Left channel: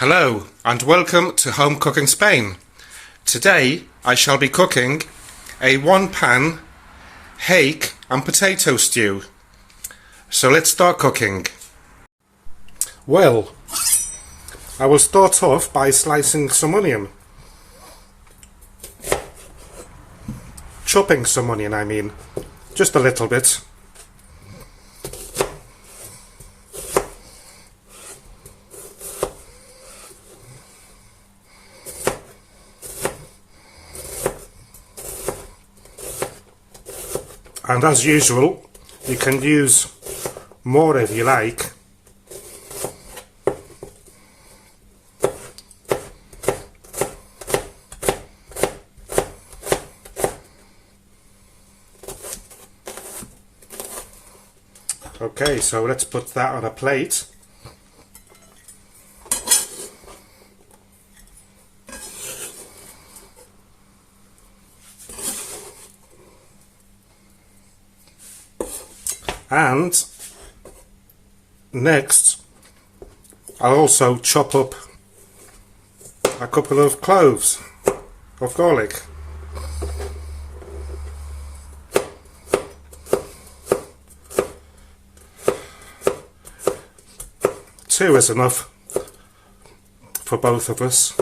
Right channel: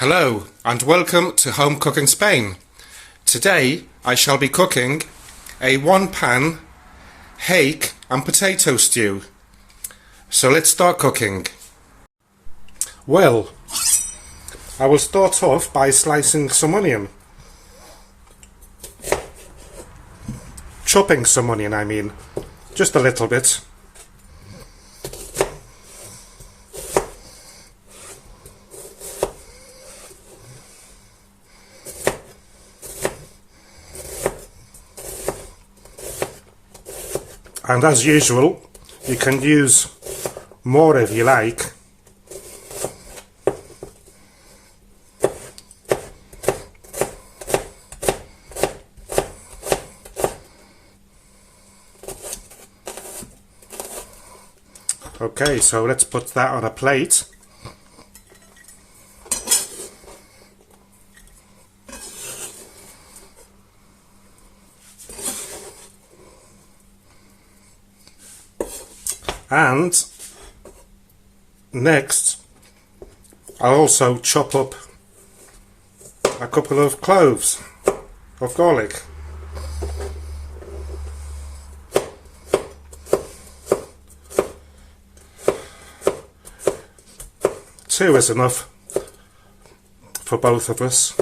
Hello and welcome to Home Cooking Spain. Today I shall be cooking a one-pan hake and potato stew. So let's start cooking. Well, I will start off by slicing some onion. Chopping some onion, I mean. Just a little bit. And as usual, you can use more if you like. Okay, so let's put that on a plate. And next, I'll also chop up a couple of cloves of garlic. Two is enough for both of us.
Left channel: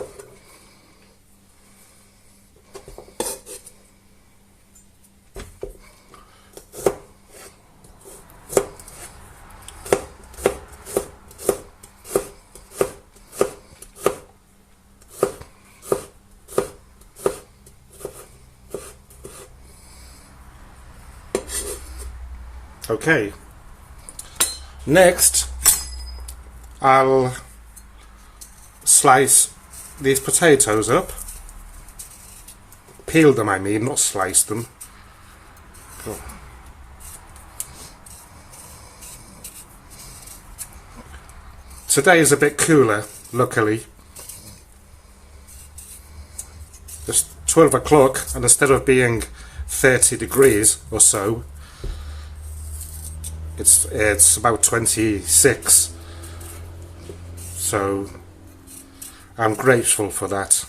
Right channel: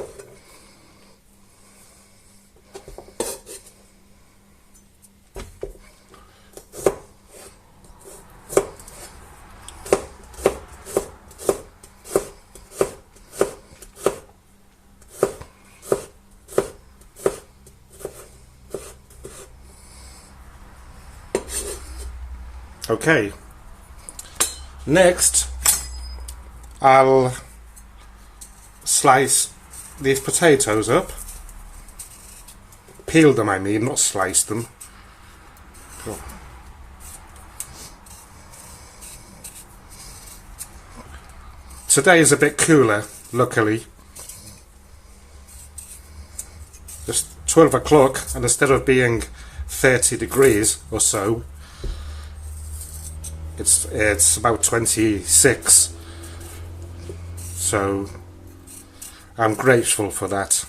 Okay, next I'll slice these potatoes up, peel them I mean, not slice them. Oh. Today is a bit cooler, luckily. It's 12 o'clock and instead of being 30 degrees or so, it's about 26, so I'm grateful for that.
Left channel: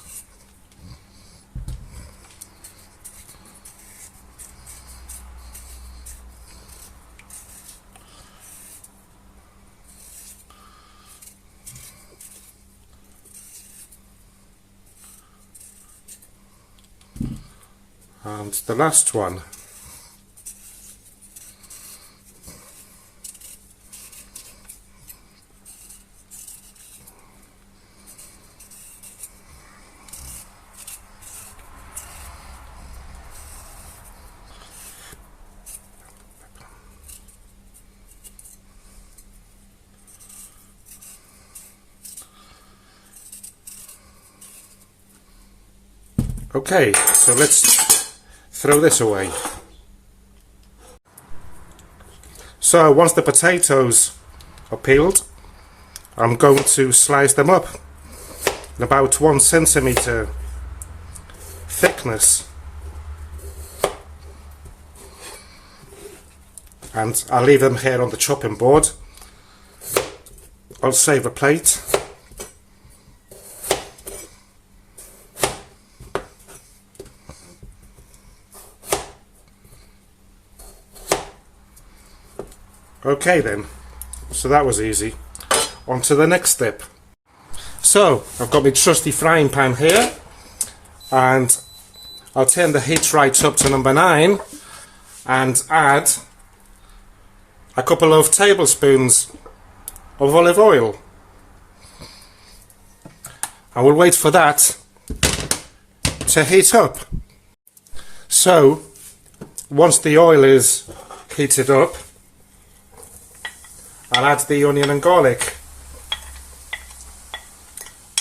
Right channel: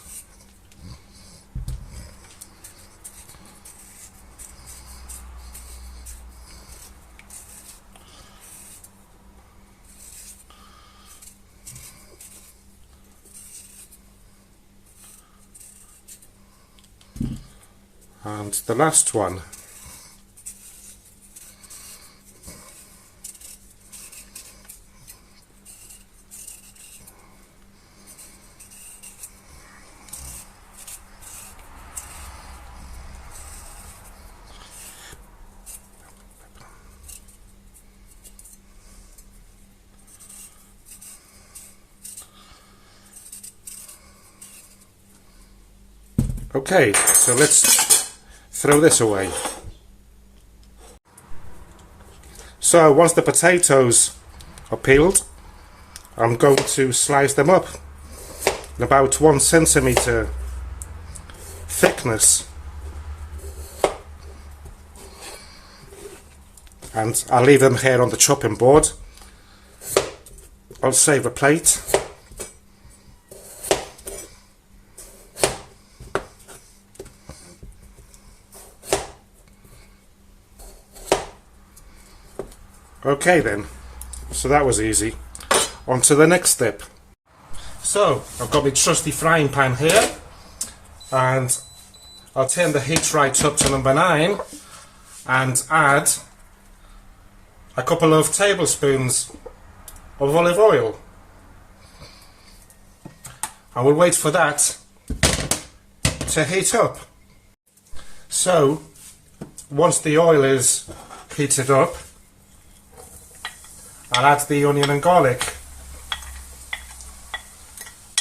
And the last one. Okay, so let's throw this away. So once the potatoes are peeled, I'm going to slice them up in about 1 centimetre thickness. And I'll leave them here on the chopping board. I'll save a plate. Okay then, so that was easy. On to the next step. So, I've got my trusty frying pan here, and I'll turn the heat right up to number 9 and add a couple of tablespoons of olive oil. I will wait for that to heat up. So, once the oil is heated up, I'll add the onion and garlic.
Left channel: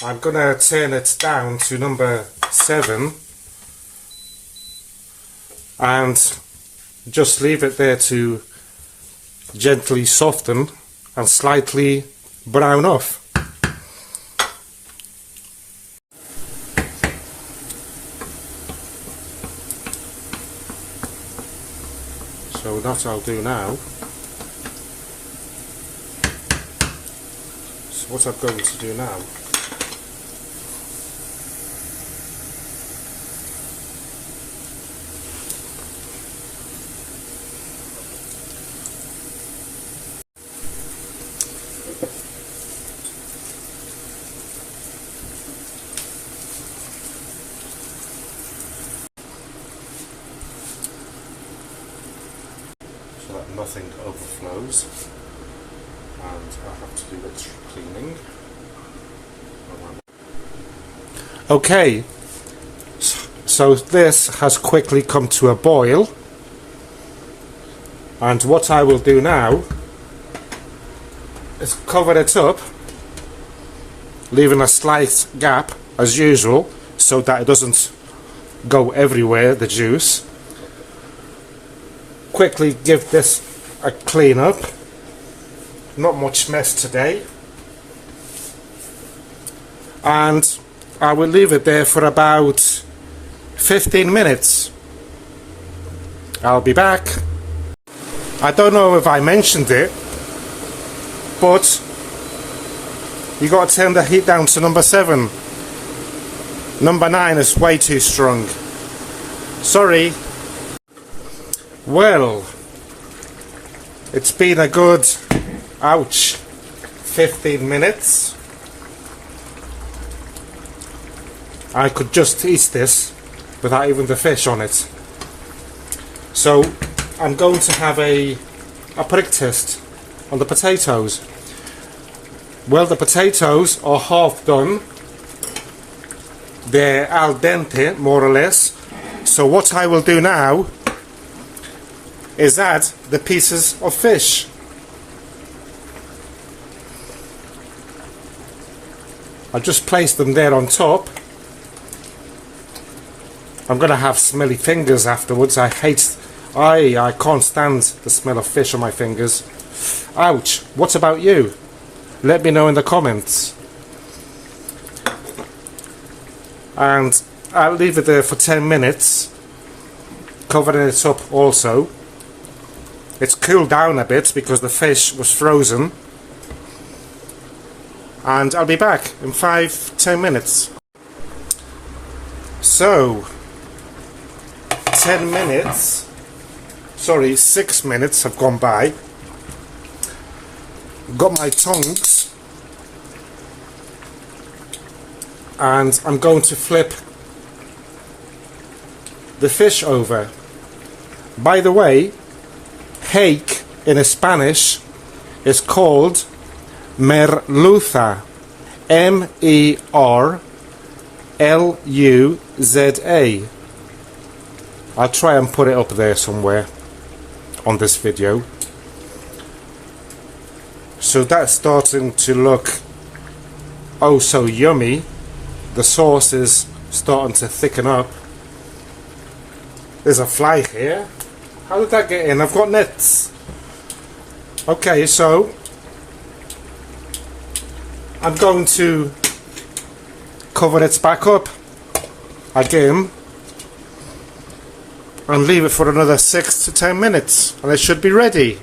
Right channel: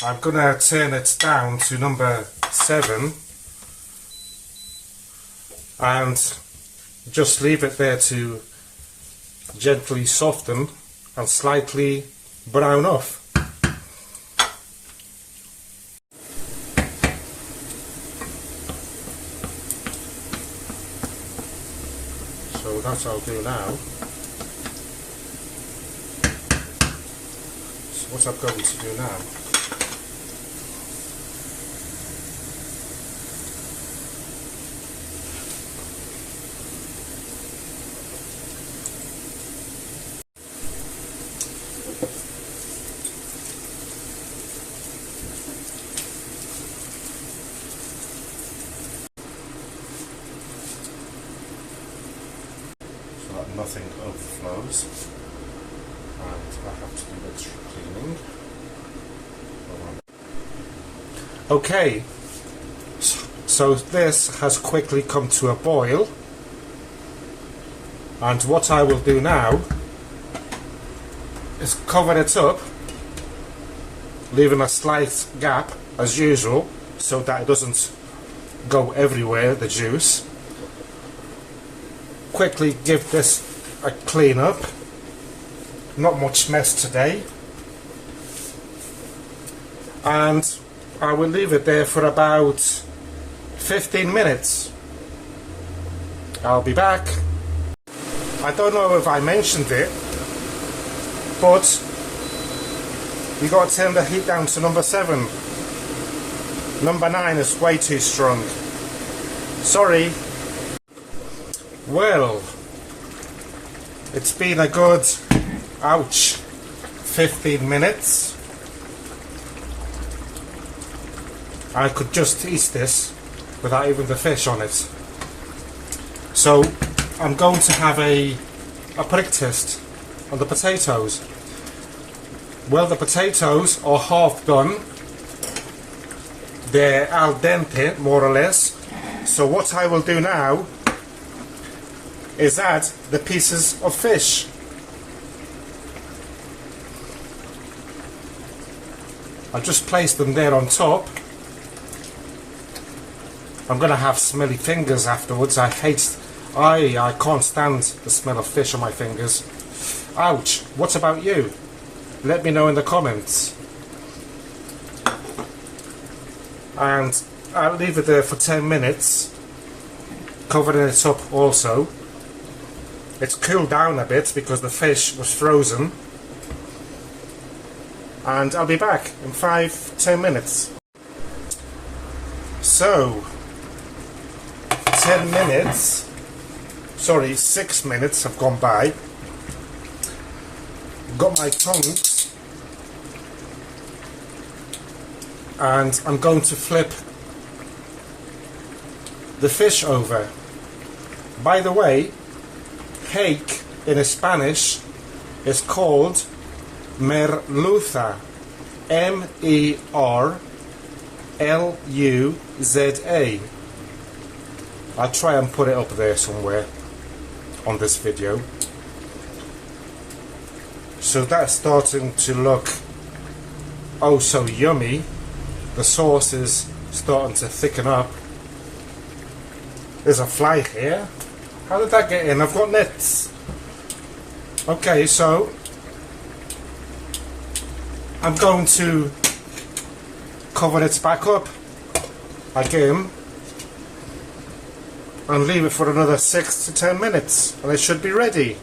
I'm going to turn it down to number 7 and just leave it there to gently soften and slightly brown off. So that I'll do now. What I'm going to do now nothing overflows, and I have to do the cleaning. Okay, so this has quickly come to a boil, and what I will do now is cover it up, leaving a slight gap as usual so that it doesn't go everywhere, the juice. Quickly give this a clean up. Not much mess today. And I will leave it there for about 15 minutes. I'll be back. I don't know if I mentioned it, but you got to turn the heat down to number 7. Number 9 is way too strong. Sorry. Well, it's been a good, ouch, 15 minutes. I could just eat this without even the fish on it. So I'm going to have a prick test on the potatoes. Well, the potatoes are half done. They're al dente, more or less. So what I will do now is add the pieces of fish. I'll just place them there on top. I'm going to have smelly fingers afterwards. I can't stand the smell of fish on my fingers. Ouch. What about you? Let me know in the comments. And I'll leave it there for 10 minutes, covering it up also. It's cooled down a bit because the fish was frozen. And I'll be back in 5-10 minutes. So 6 minutes have gone by. Got my tongs, and I'm going to flip the fish over. By the way, hake in Spanish is called merluza, M-E-R-L-U-Z-A. I'll try and put it up there somewhere on this video. So that's starting to look oh so yummy. The sauce is starting to thicken up. There's a fly here. How did that get in? I've got nets. Okay, so I'm going to cover it back up again and leave it for another 6 to 10 minutes, and it should be ready.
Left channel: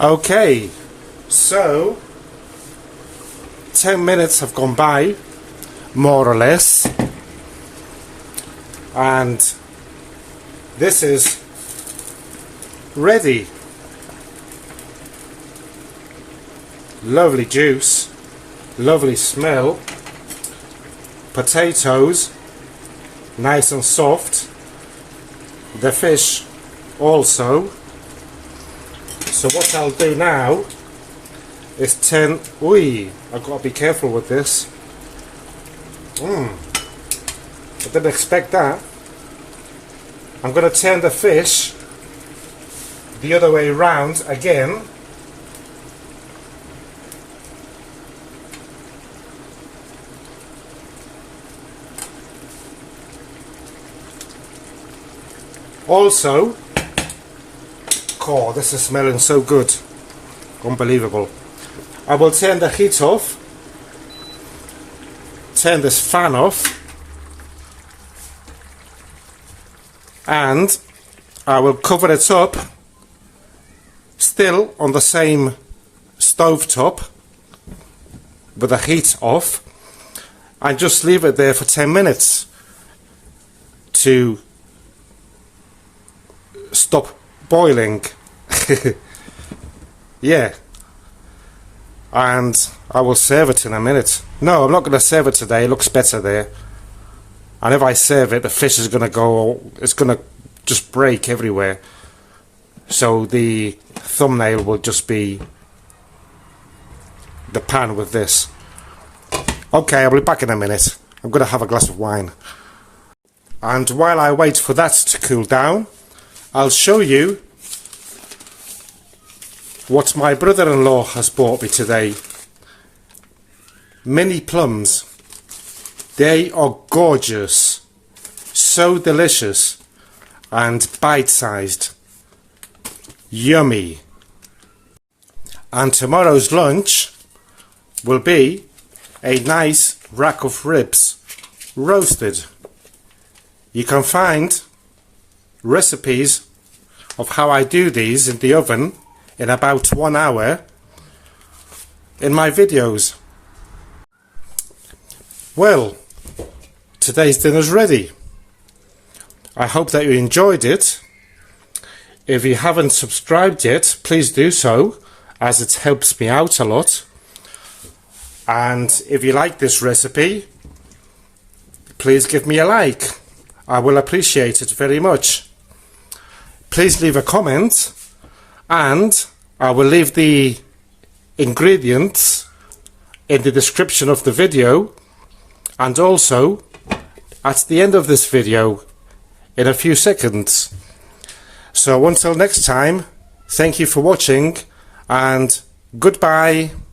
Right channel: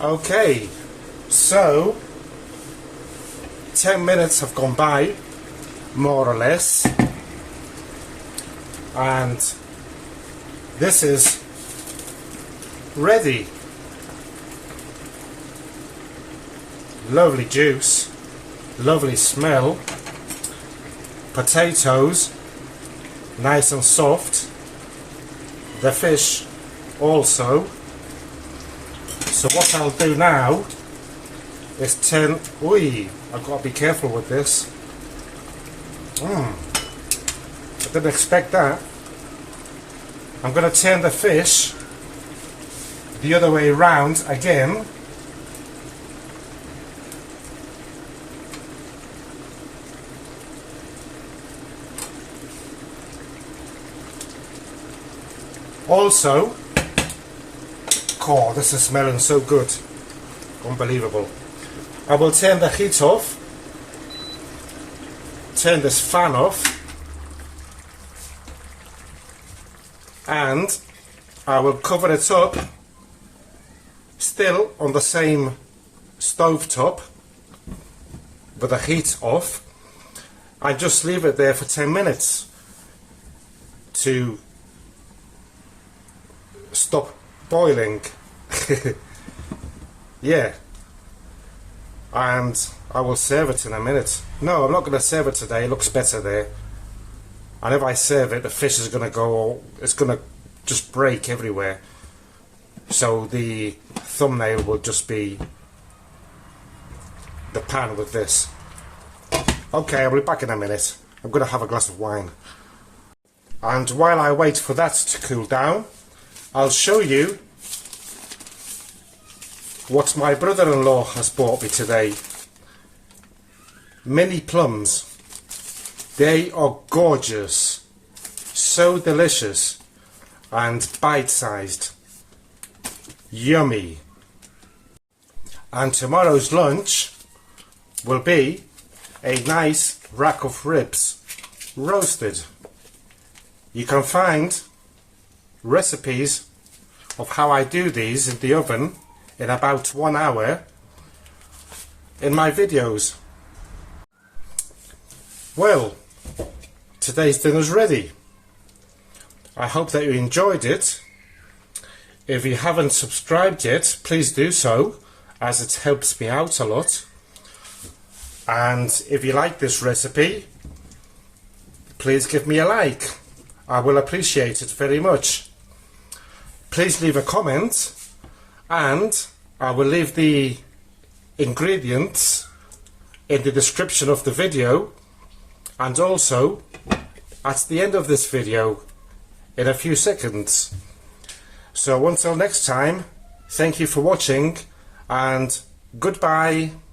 Okay, so 10 minutes have gone by, more or less, and this is ready. Lovely juice, lovely smell, potatoes nice and soft, the fish also. So what I'll do now is turn, I've got to be careful with this. I didn't expect that. I'm going to turn the fish the other way round again. Also, oh, this is smelling so good. Unbelievable. I will turn the heat off, turn this fan off, and I will cover it up, still on the same stove top with the heat off, and just leave it there for 10 minutes to stop boiling. Yeah, and I will serve it in a minute. No, I'm not going to serve it today. It looks better there. And if I serve it, the fish is going to go, it's going to just break everywhere. So the thumbnail will just be the pan with this. Okay, I'll be back in a minute. I'm going to have a glass of wine. And while I wait for that to cool down, I'll show you what my brother-in-law has bought me today. Mini plums. They are gorgeous, so delicious and bite-sized. Yummy. And tomorrow's lunch will be a nice rack of ribs, roasted. You can find recipes of how I do these in the oven in about 1 hour in my videos. Well, today's dinner's ready. I hope that you enjoyed it. If you haven't subscribed yet, please do so, as it helps me out a lot. And if you like this recipe, please give me a like. I will appreciate it very much. Please leave a comment, and I will leave the ingredients in the description of the video, and also at the end of this video in a few seconds. So until next time, thank you for watching, and goodbye.